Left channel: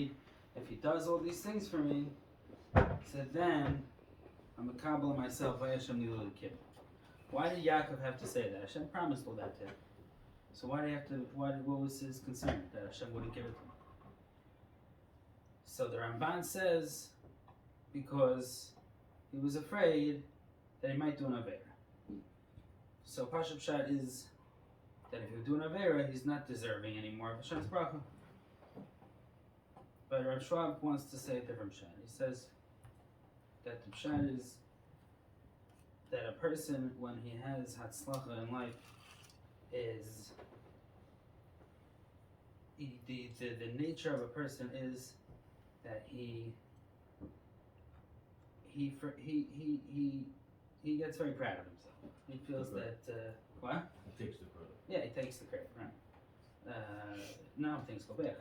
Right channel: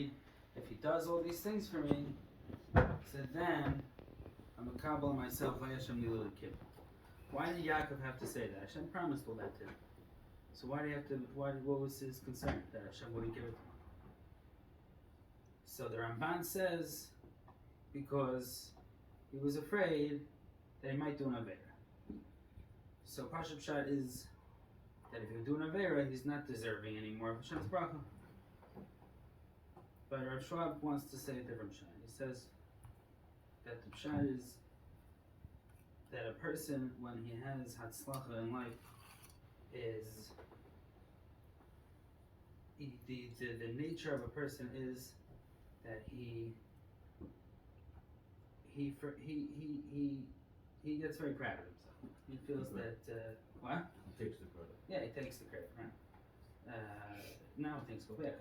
if he does all these things for me, so then I'm a kabbalah myself. Why did Yaakov have to say that? Hashem promised all that to him. So why did he have to? What was his concern that Hashem wouldn't give it to him? So the Ramban says because he was afraid that he might do an avera. So Pashup Pshat is that if you do an avera, he's not deserving anymore of Hashem's bracha. But Rav Schwab wants to say a different pshat. He says that the pshat is that a person, when he has hatzlacha in life, is the nature of a person is that he gets very proud of himself. He feels that what? He takes the credit. Yeah, he takes the credit, right? Not when things go bad,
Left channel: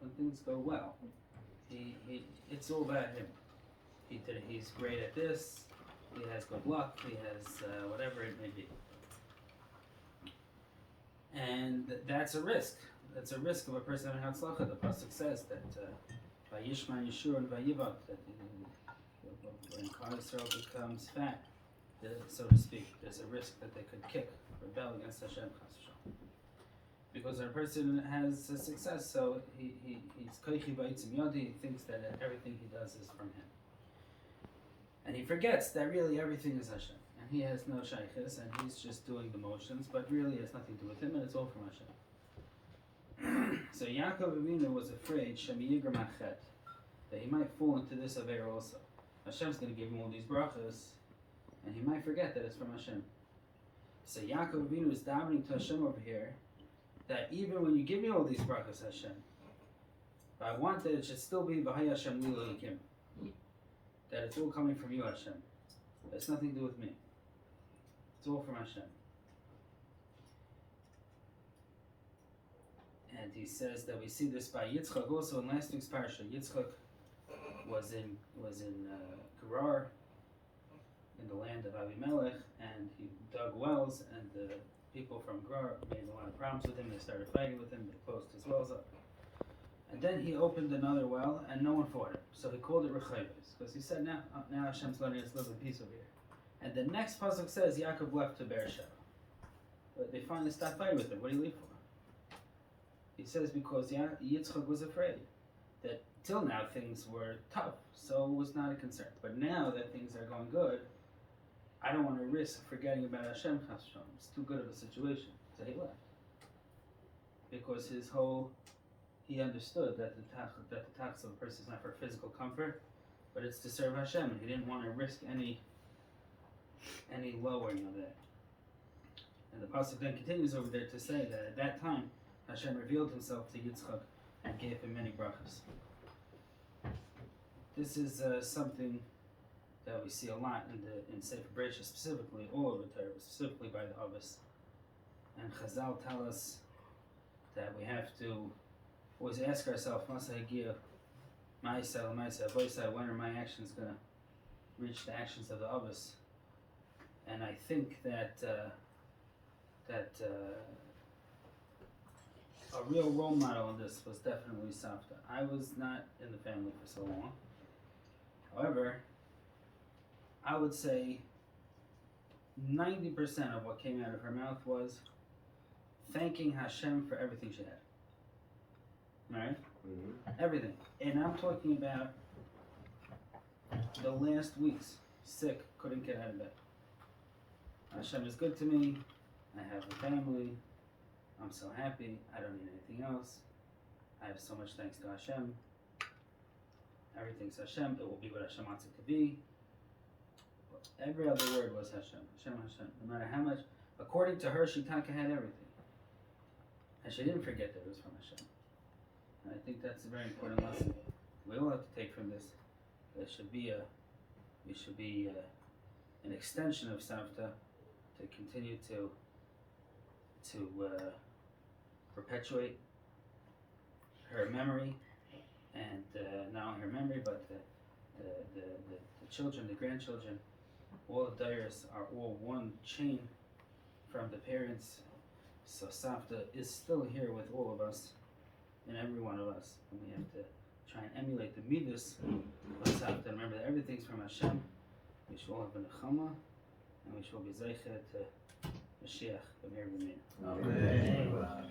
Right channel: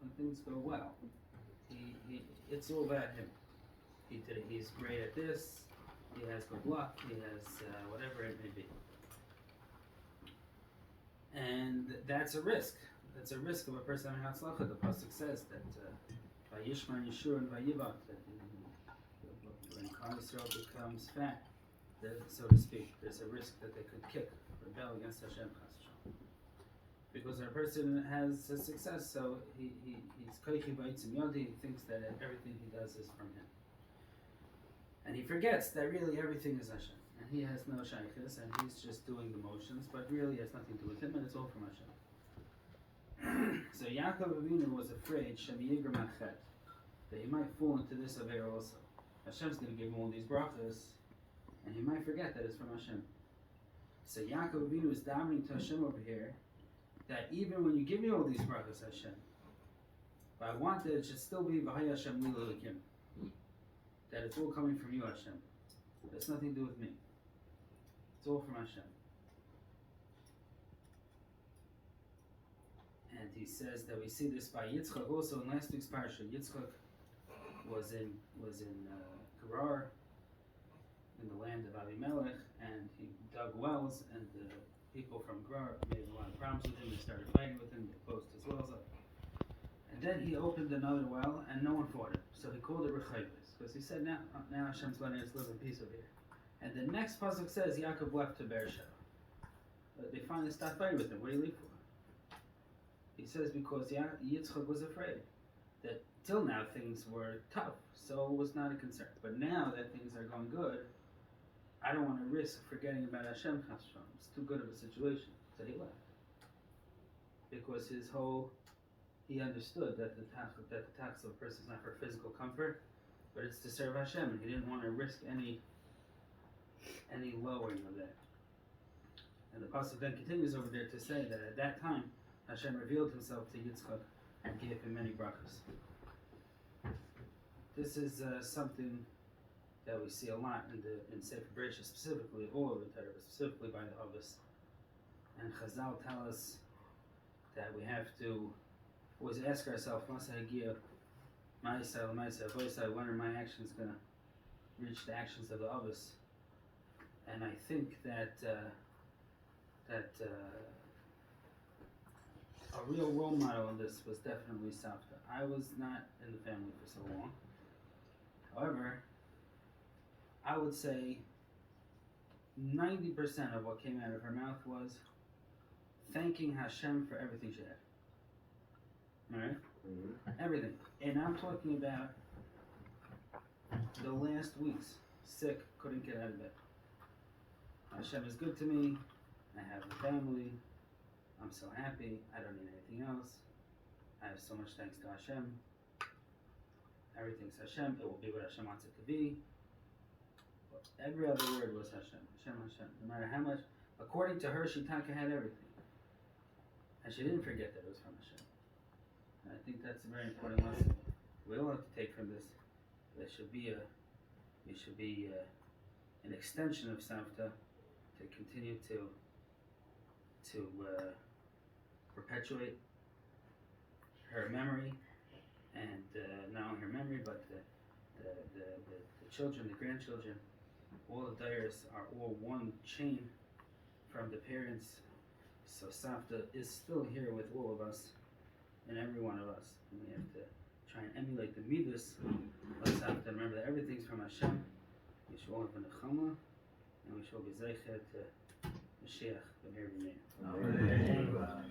when things go well, it's all about him. He did it. He's great at this. He has good luck. He has whatever it may be. And that's a risk. That's a risk of a person having hatzlacha. The pasuk says that vayishma Yeshua and vayivat, that when Klal Yisrael becomes fat, so to speak, there's a risk that they could rebel against Hashem. Because when a person has a success, so he's koichi baitzim yodi, he thinks that everything he does is from him. And he forgets that really everything is Hashem. And he has no shaykhis, and he's just doing the motions, but really it has nothing to do with him, and it's all from Hashem. So Yaakov Avinu was afraid, Shem Yigram Achet, that he might fall into this aver also. Hashem's going to give him all these brachas, and he might forget that it's from Hashem. So Yaakov Avinu is davening to Hashem over here, that even when you give me all these brachas, Hashem, but I want that it should still be V'haya Hashem li l'elikim, that it's all coming from you, Hashem. That's nothing to do with me. It's all from Hashem. And he says that we see this by Yitzchak also in last week's parsha. Yitzchak was in Gerar, in the land of Avimelech, and he dug wells, and the people from Gerar made a lot of problems with him. They started fighting with him. They posted his wells up. And then he opened another well, and no one fought him. So he called it Rechayves, because he said, now Hashem's letting us live in peace over here. And the next pasuk says, Yaakov left to Beersheba. But they finally stopped fighting with him. What do you leave for? He says because Yitzchak was afraid that till now things were tough, so it was not a concern. But now that things are going good, I don't want to risk forgetting about Hashem. It's too good of a situation. So he left. Because he understood that the tax of a person is not for physical comfort, but it's to serve Hashem, and he didn't want to risk any lowering of that. And the pasuk then continues over there to say that at that time, Hashem revealed himself to Yitzchak and gave him many brachas. This is something that we see a lot in Sefer Bereshit, specifically all over the Torah, specifically by the Avos. And Chazal tell us that we have to always ask ourselves, when are my actions going to reach the actions of the Avos? And I think that a real role model in this was definitely Savta. I was not in the family for so long. However, I would say 90% of what came out of her mouth was thanking Hashem for everything she had. Right? Mm-hmm. Everything. And I'm talking about the last weeks. Sick, couldn't get out of bed. Hashem is good to me. I have a family. I'm so happy. I don't need anything else. I have so much thanks to Hashem. Everything's Hashem. It will be what Hashem wants it to be. But every other word was Hashem. Hashem, Hashem. No matter how much. According to her, she had everything. And she didn't forget that it was from Hashem. And I think that's a very important lesson. We all have to take from this. There should be an extension of Savta to continue to perpetuate her memory, and not only her memory, but the children, the grandchildren, all the dayers are all one chain from the parents. So Savta is still here with all of us, and every one of us, and we have to try emulate the midas, let's have to remember that everything's from Hashem. We should all have a nechama, and we should all be zeicher to Mashiach, the Myriam. Amen.